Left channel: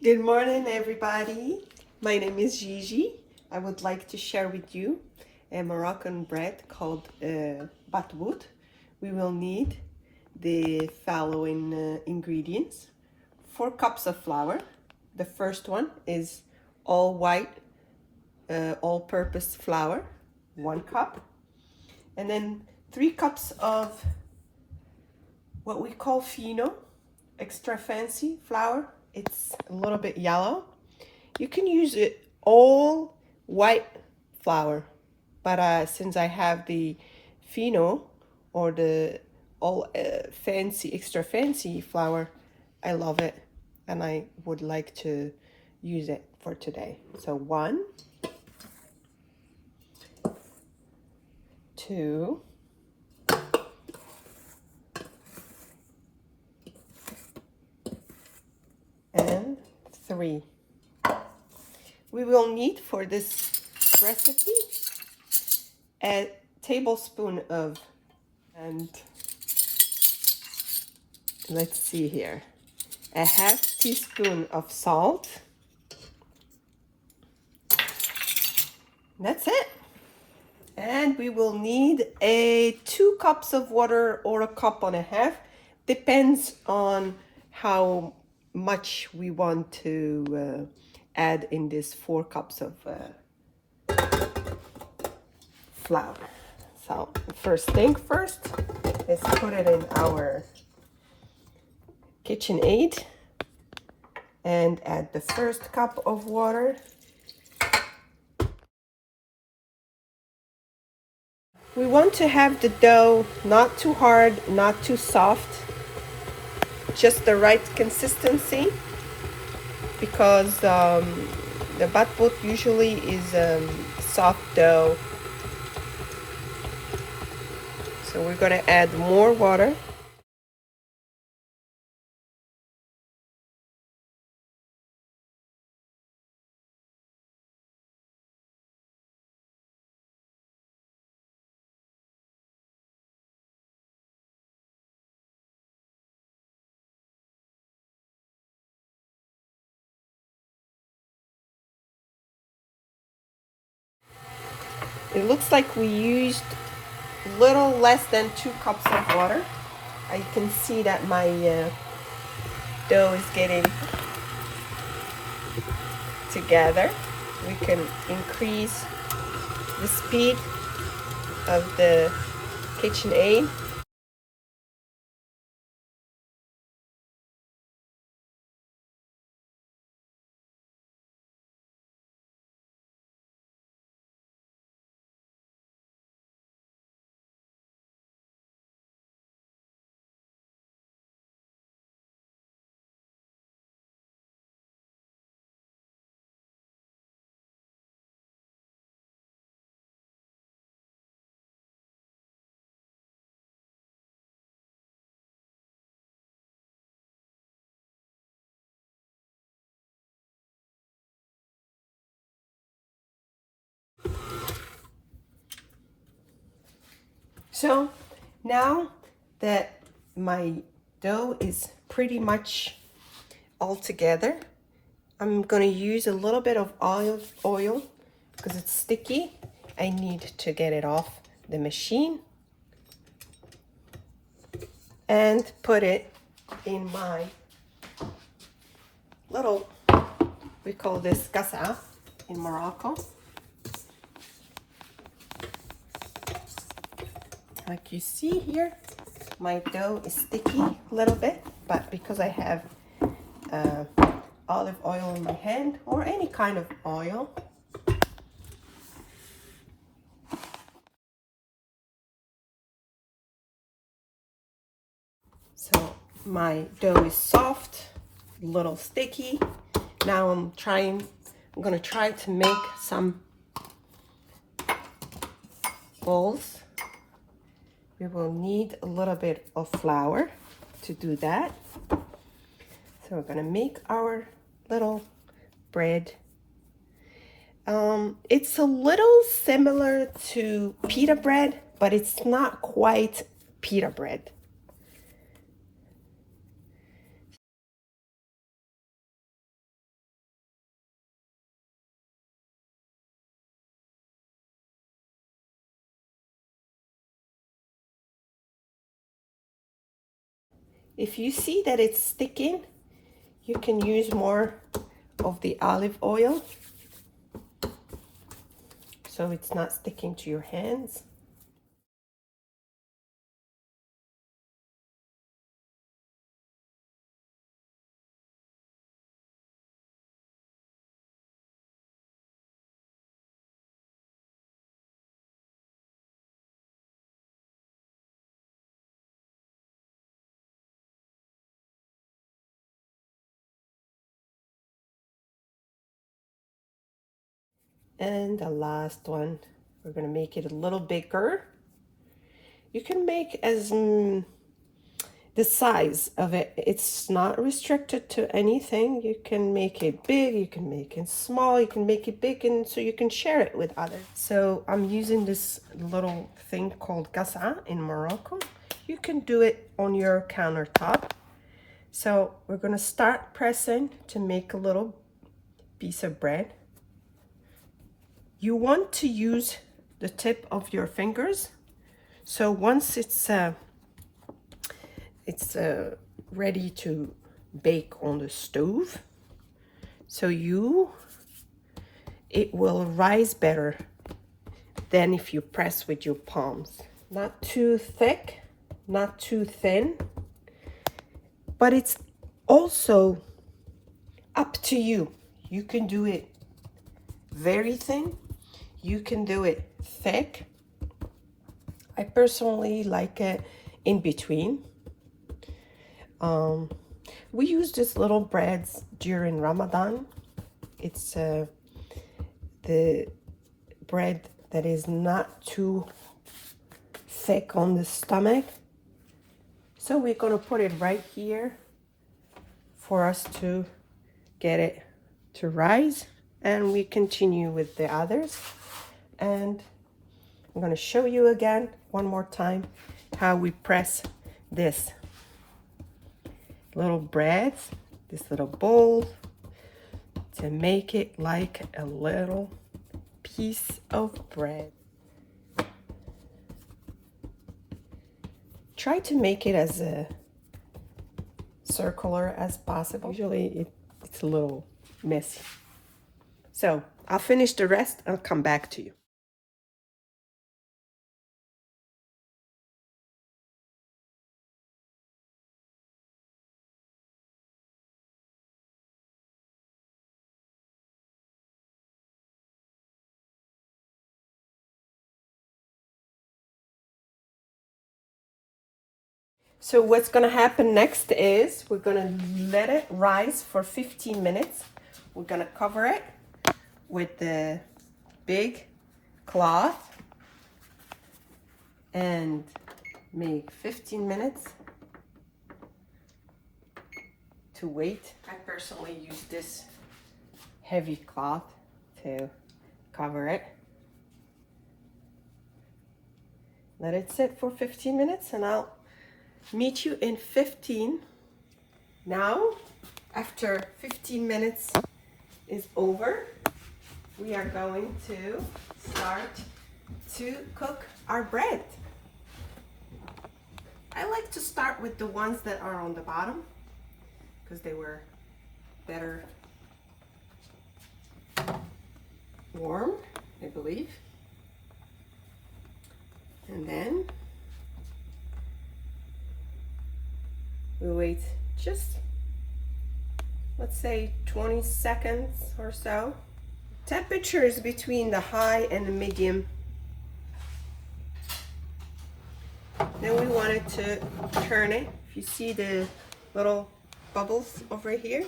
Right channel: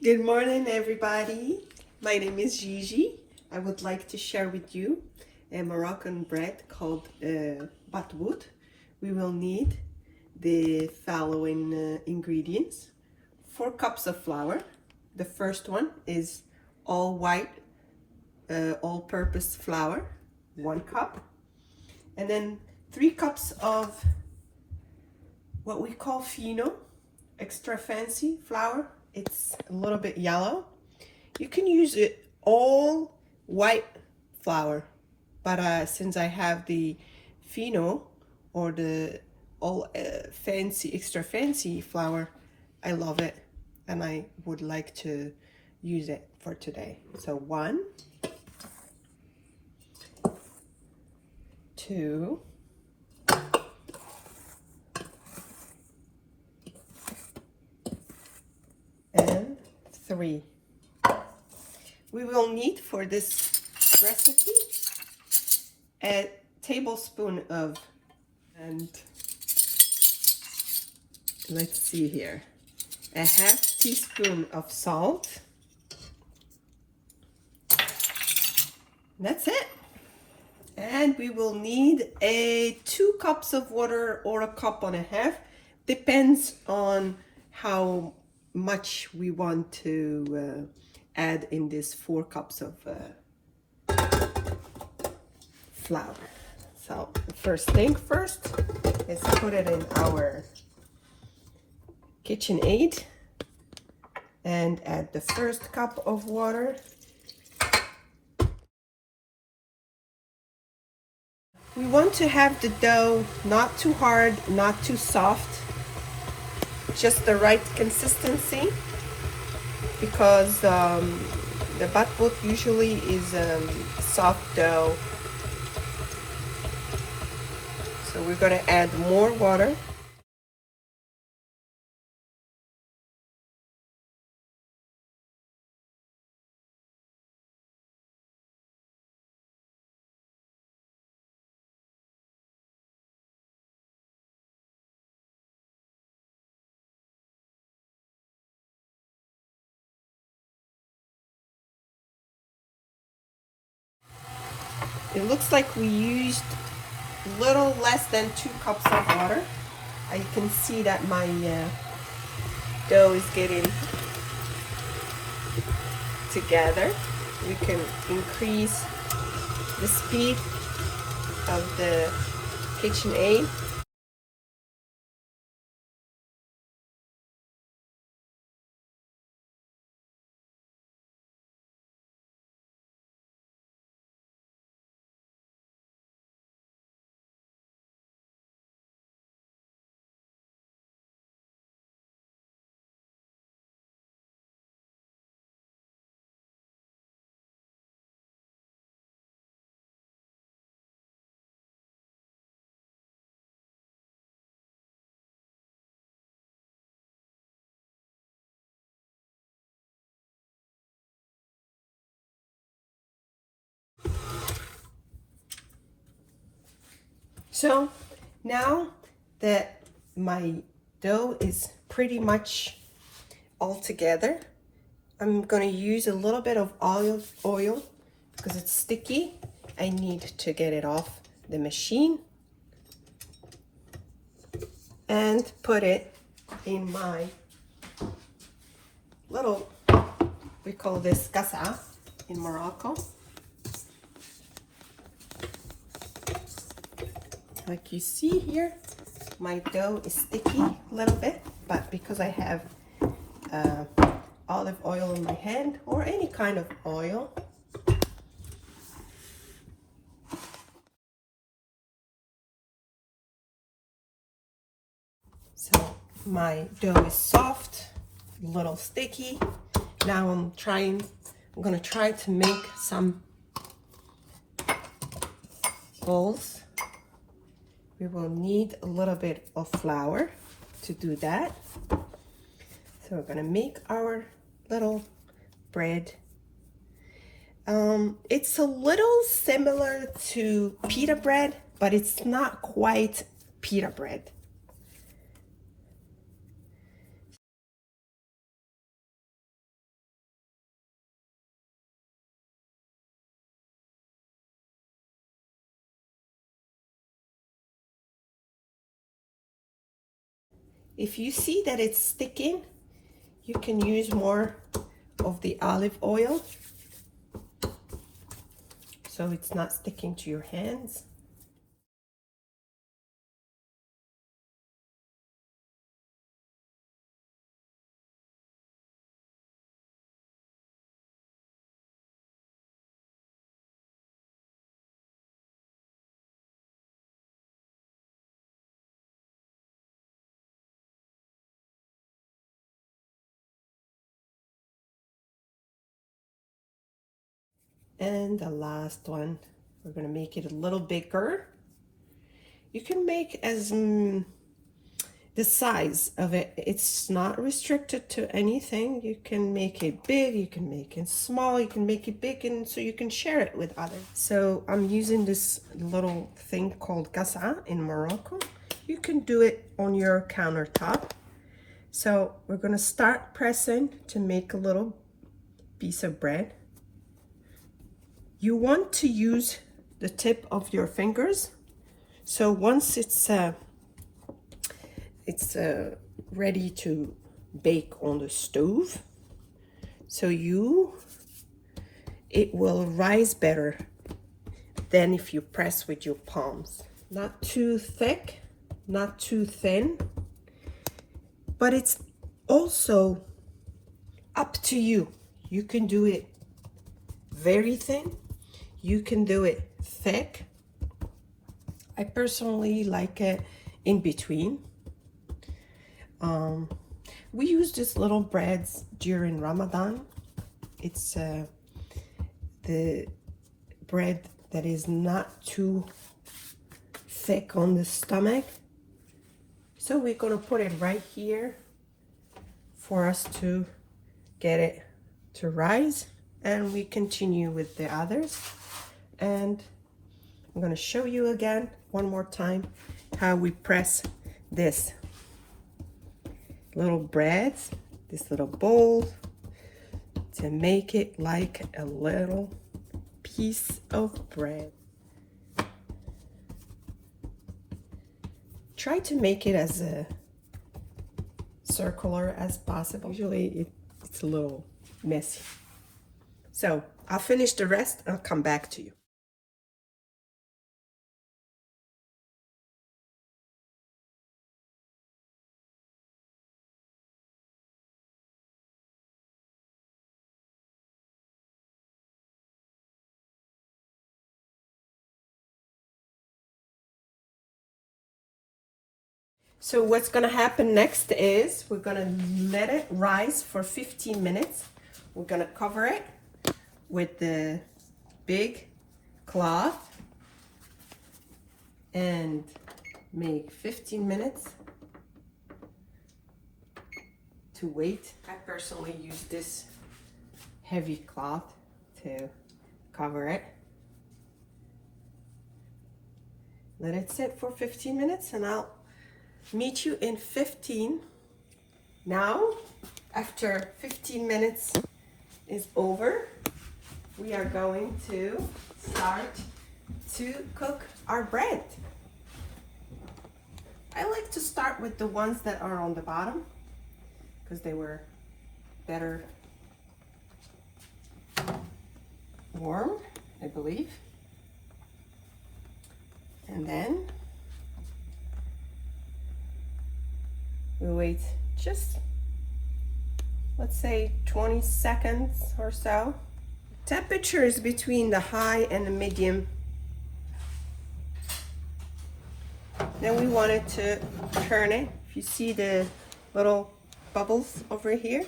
Good morning, everybody. My name is Gigi. I would like to share with you a Moroccan bread called batboot. We will need the following ingredients: 4 cups of flour. The first one is all white, all-purpose flour, 1 cup, and then 3 cups of what we call fino, extra fancy flour. It's a little bit yellow. You can use it all white flour, but since I have the fino or the all fancy, extra fancy flour, I love it and I would like to use it for today. So 1, 2, and 3. We will need for this recipe a tablespoon of, and let's see here, a half teaspoon of salt. That's it. And we will need 2 cups of water or 1.5 cups. Depends on how much we want to add in this 4 cups of flour. So the first thing first is put it in our KitchenAid and add the first cup of water. We want to have the dough not too hard, not too soft, just the right consistency, because the batboot usually is soft dough. So we're going to add more water. It looks like we used a little less than 2 cups of water. You can see that my dough is getting together. We can increase the speed of the KitchenAid. So now that my dough is pretty much all together, I'm going to use a little bit of oil because it's sticky. I need to get it off the machine and put it in my little, we call this kasa in Morocco. Like you see here, my dough is sticky a little bit, but because I have olive oil in my hand, or any kind of oil, so my dough is soft, a little sticky. Now I'm gonna try to make some balls. We will need a little bit of flour to do that. So we're gonna make our little bread. It's a little similar to pita bread, but it's not quite pita bread. If you see that it's sticking, you can use more of the olive oil so it's not sticking to your hands. And the last one, we're gonna make it a little bigger. You can make as the size of it. It's not restricted to anything. You can make it big, you can make it small, you can make it big, and so you can share it with others. So I'm using this little thing called gasa in Morocco. You can do it on your countertop. So we're gonna start pressing to make a little piece of bread. You want to use the tip of your fingers. So once it's ready to bake on the stove, so it will rise better than if you press with your palms. Not too thick, not too thin, but it's also up to you. You can do it very thin, you can do it thick. I personally like it in between. We use this little breads during Ramadan. It's the bread that is not too thick on the stomach. So we're gonna put it right here for us to get it to rise, and we continue with the others. And I'm gonna show you again one more time how we press this little breads, this little bowl, to make it like a little piece of bread. Try to make it as circular as possible. Usually it's a little messy. So I'll finish the rest and I'll come back to you. So what's gonna happen next is we're gonna let it rise for 15 minutes. We're gonna cover it with the big cloth and make 15 minutes to wait. I personally use this heavy cloth to cover it. Let it sit for 15 minutes and I'll meet you in 15. Now, after 15 minutes is over, we are going to start to cook our bread. I like to start with the ones that are on the bottom because they were better warm, I believe. And then we wait just, let's say 20 seconds or so. Temperature is between the high and the medium. Then we wanted to turn it. If you see the little bubbles over here,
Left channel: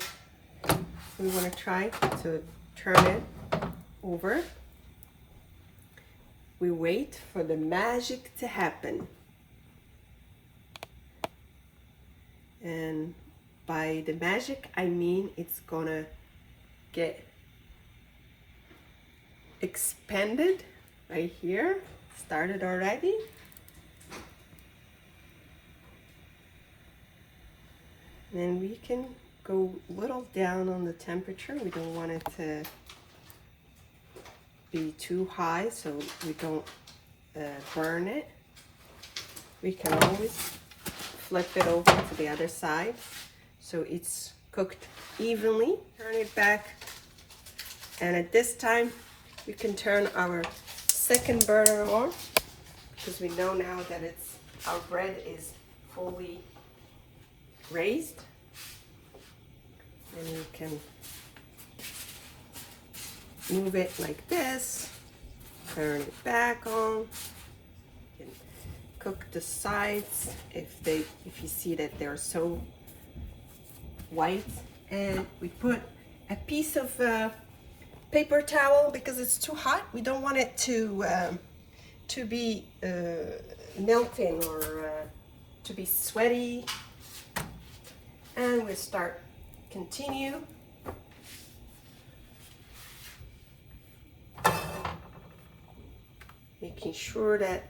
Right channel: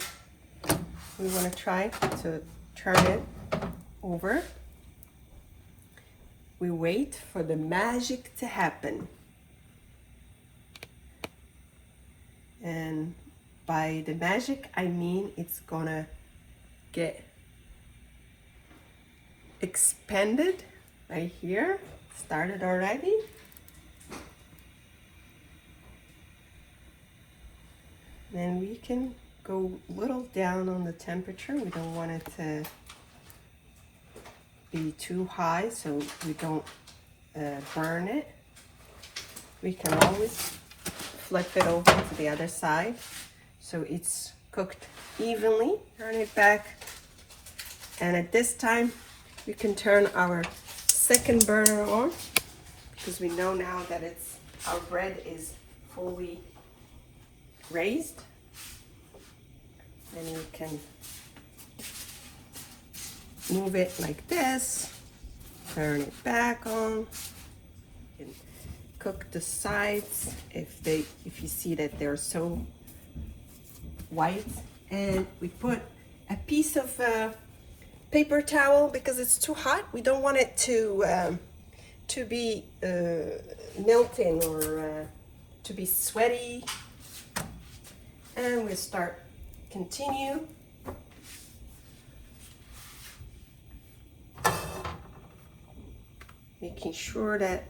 we want to try to turn it over. We wait for the magic to happen. And by the magic, I mean it's gonna get expanded right here. Started already. And we can go a little down on the temperature. We don't want it to be too high so we don't burn it. We can always flip it over to the other side so it's cooked evenly. Turn it back, and at this time you can turn our second burner on, because we know now that our bread is fully raised. And you can move it like this, turn it back on, and cook the sides if you see that they're so white. And we put a piece of paper towel because it's too hot. We don't want it to be melting or to be sweaty. And we continue. Making sure that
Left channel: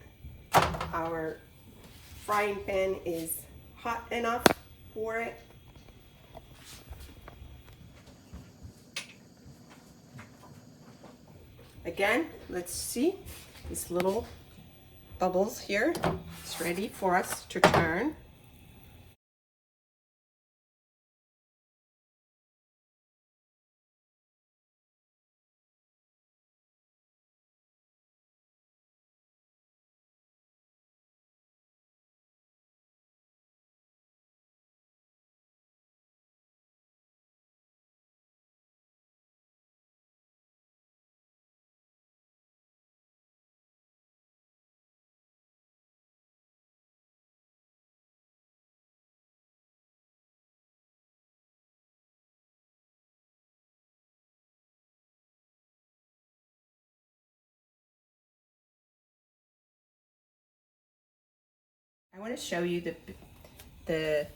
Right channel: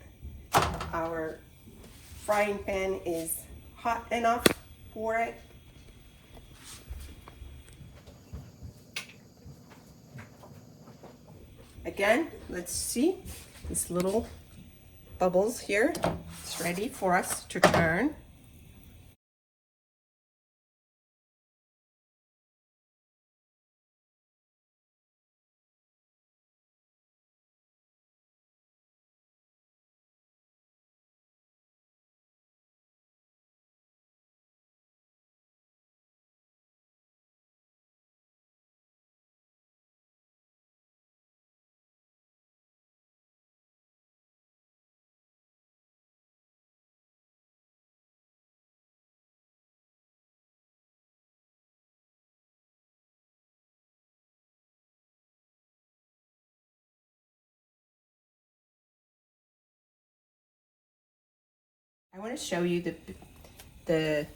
our frying pan is hot enough for it. Again, let's see these little bubbles here. It's ready for us to turn. I want to show you the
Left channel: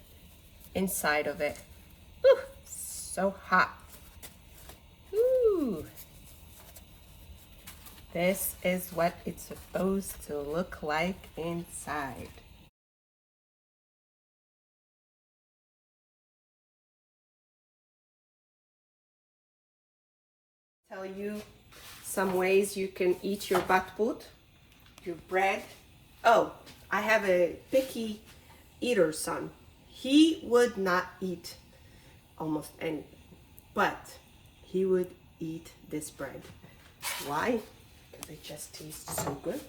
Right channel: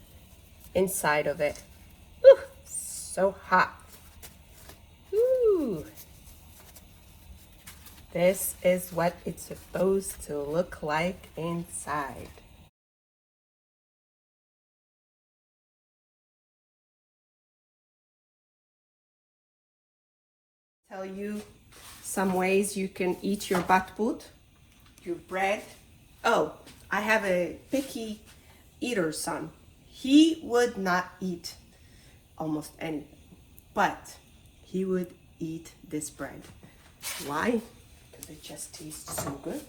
inside of it. Ooh, so hot. Ooh. This is what it's supposed to look like inside. Tell you some ways you can eat your batboot, your bread. Oh, I have a picky eater son. He would not eat almost anything, but he would eat this bread. Why? Because it just tastes so good.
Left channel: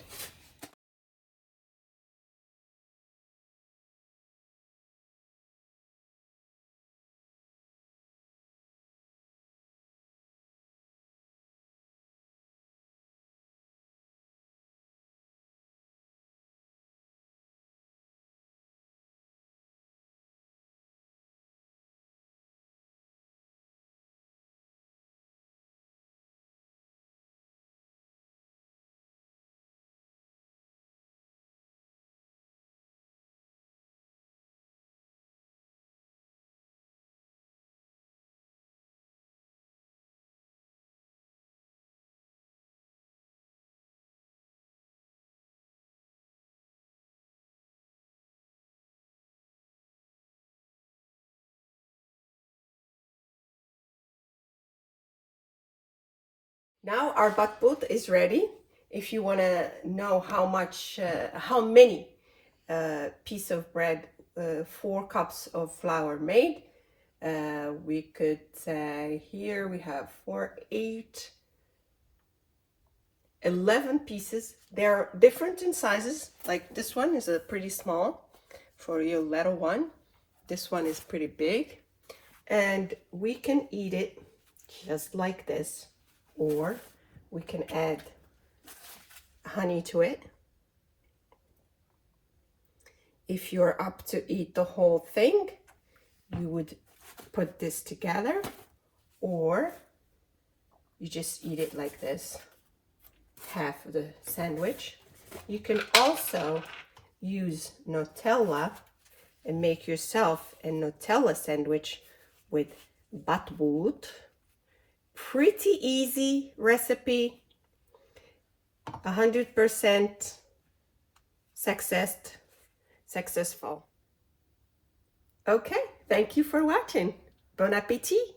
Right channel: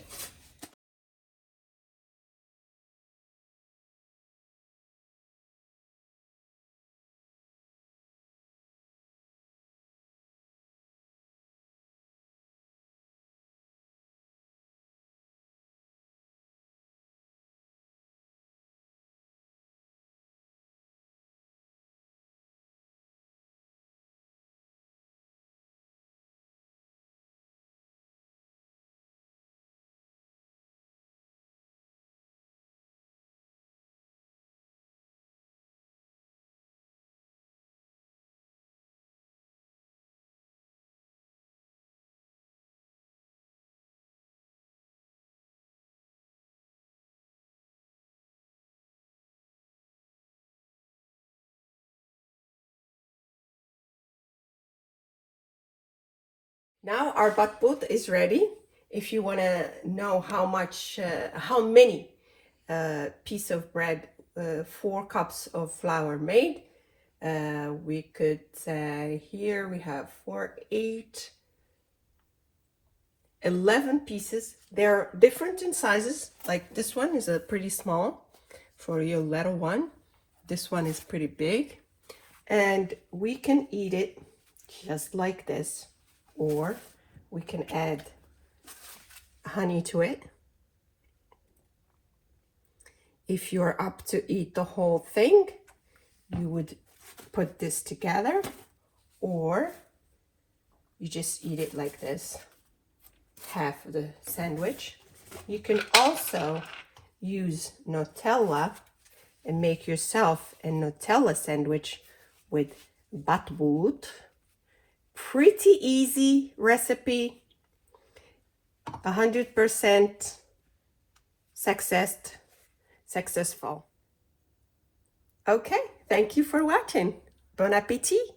Now our batboot is ready. If you want to know how many piece of bread 4 cups of flour made, we could say here we have 4, 8, 11 pieces. They're different in sizes. Like this one is a pretty small for your little one. This one is pretty big, and we can eat it just like this, or we can add honey to it. If you're up to eat the whole thing, you would put this together, or you just eat it like this, half of the sandwich. You can also use Nutella and make yourself a Nutella sandwich with batboot. Pretty easy recipe, 100% successful. Okay, thank you for watching. Bon appétit.